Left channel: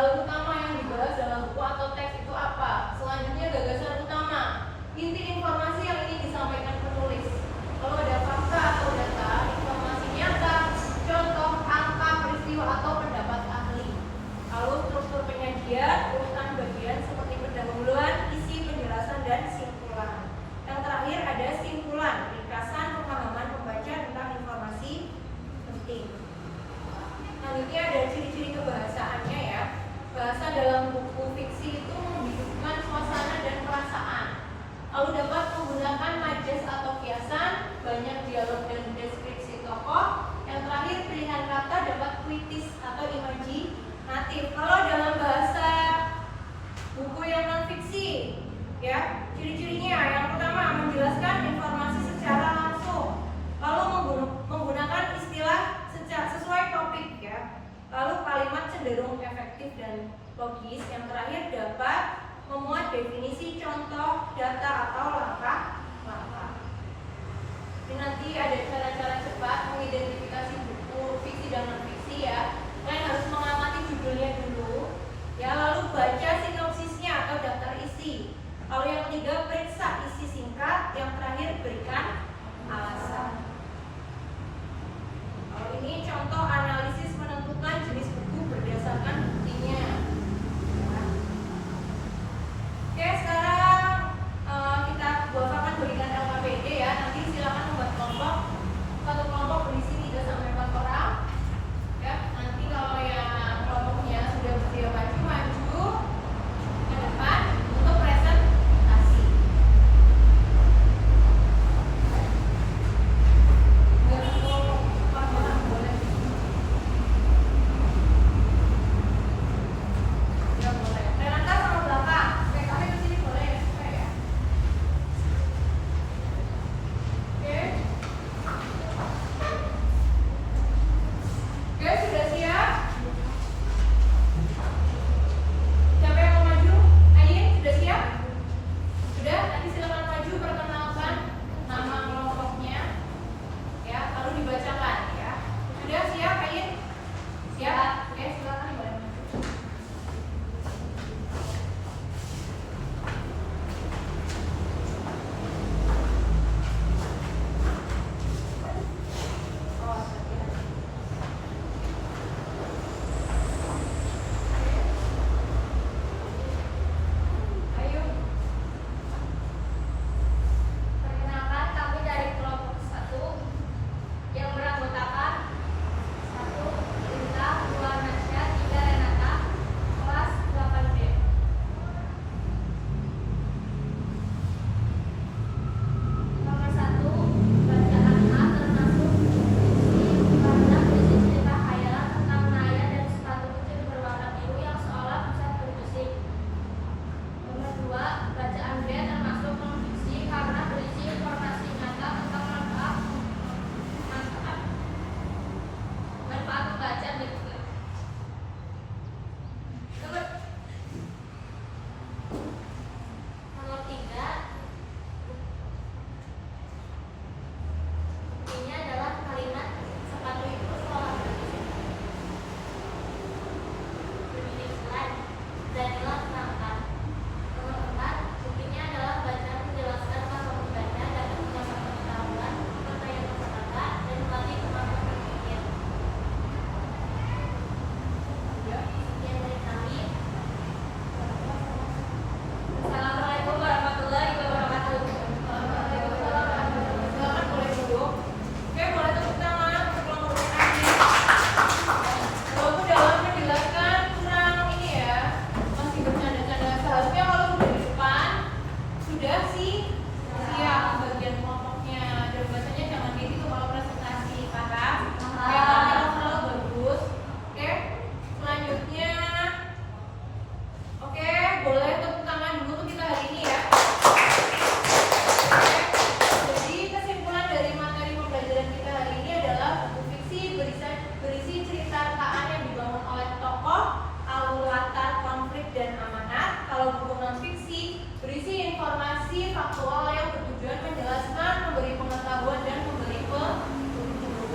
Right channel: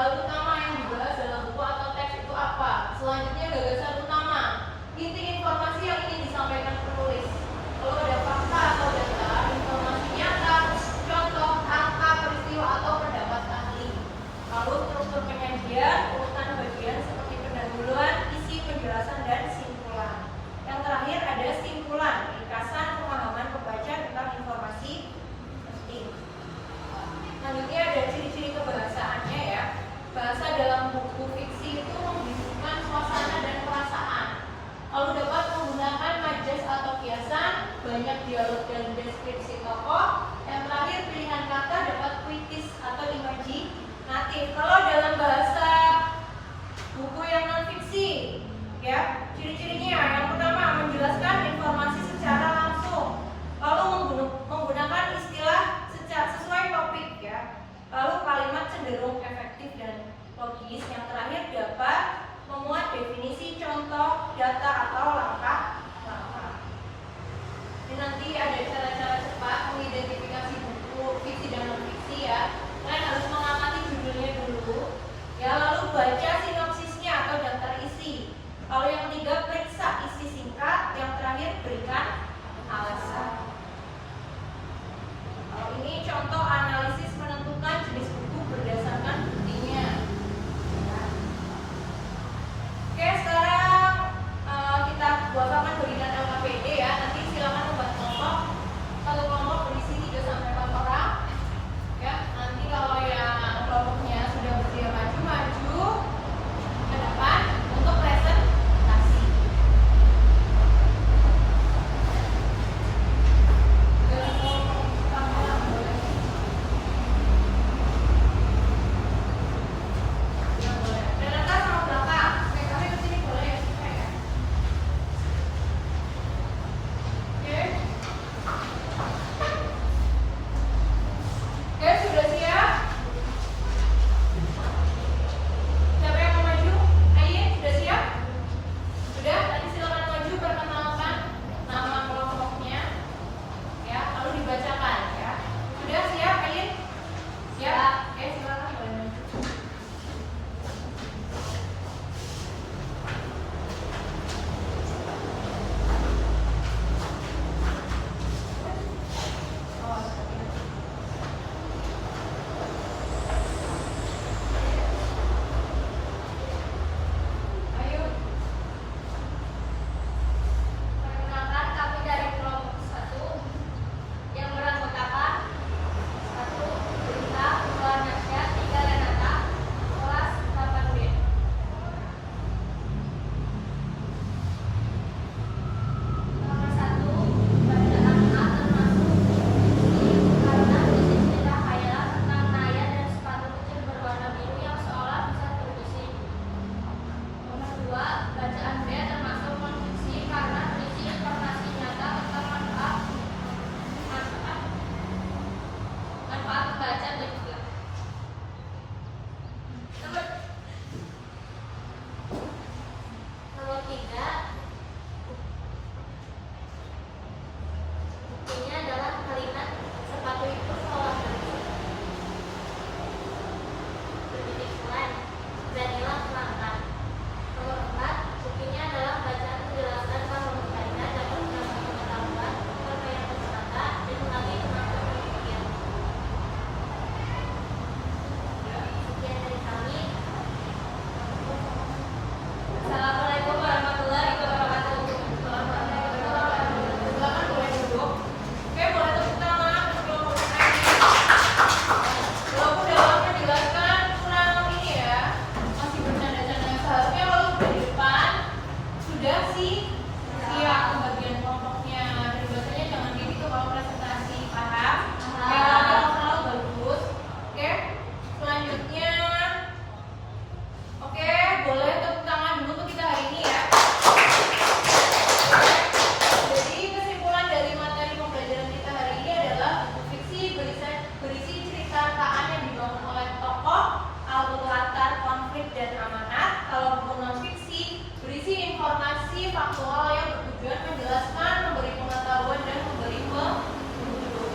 hal utama yang dibahas dalam buku atau teks itu apa. Selanjutnya gagasan utama, inti informasi yang ingin disampaikan penulis. Lalu ada fakta atau data, informasi nyata, contoh, angka, peristiwa atau pendapat ahli. Lalu struktur penyajian, urutan bagian seperti pendahuluan, isi, penjelasan, dan simpulan. Yang terakhir ada simpulan, ringkasan pemahaman pembaca tentang informasi penting. Selanjutnya ada ciri-ciri kebahasaannya ya. Bahasa dalam buku fiksi itu membisukan suasana dan perasaan. Lalu dapat menggunakan majas atau kiasan, banyak dialog dan deskripsi tokoh. Yang terakhir pilihan kata dapat puitis atau imajinatif. Kalau dalam bahasa buku yang non fiksi, ya ciri-cirinya yang pertama menjelaskan informasi secara langsung, lalu menggunakan istilah sesuai topik ya, lalu kalimat cenderung efektif dan logis. Yang terakhir dapat memuat definisi, contoh, data atau langkah-langkah. Ini nanti ada cara-cara cepat mengidentifikasi buku fiksi dan non fiksi ya. Kalian harus mengamati judulnya dulu ya, lalu baca sinopsisnya atau daftar isi. Lalu yang ketiga periksa isi singkat. Yang terakhir berikan alasan. Ini contoh analisis menentukan jenis buku berdasarkan buktinya. Oke, sekarang kita akan berikan LKPD ya. Nanti silakan membuat kelompok. Satu kelompok berisi 3 sampai 4 orang. Ya, nanti kalau yang kelompoknya sudah bersedia maju ke depan untuk presentasi.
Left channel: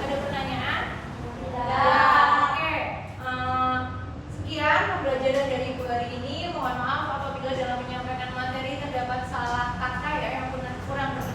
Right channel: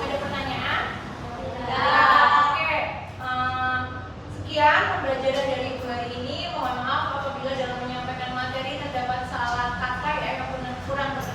Ada pertanyaan? Tidak. Oke. Sekian pembelajaran dari Ibu hari ini. Mohon maaf apabila dalam menyampaikan materi terdapat salah kata ya yang kurang berkenan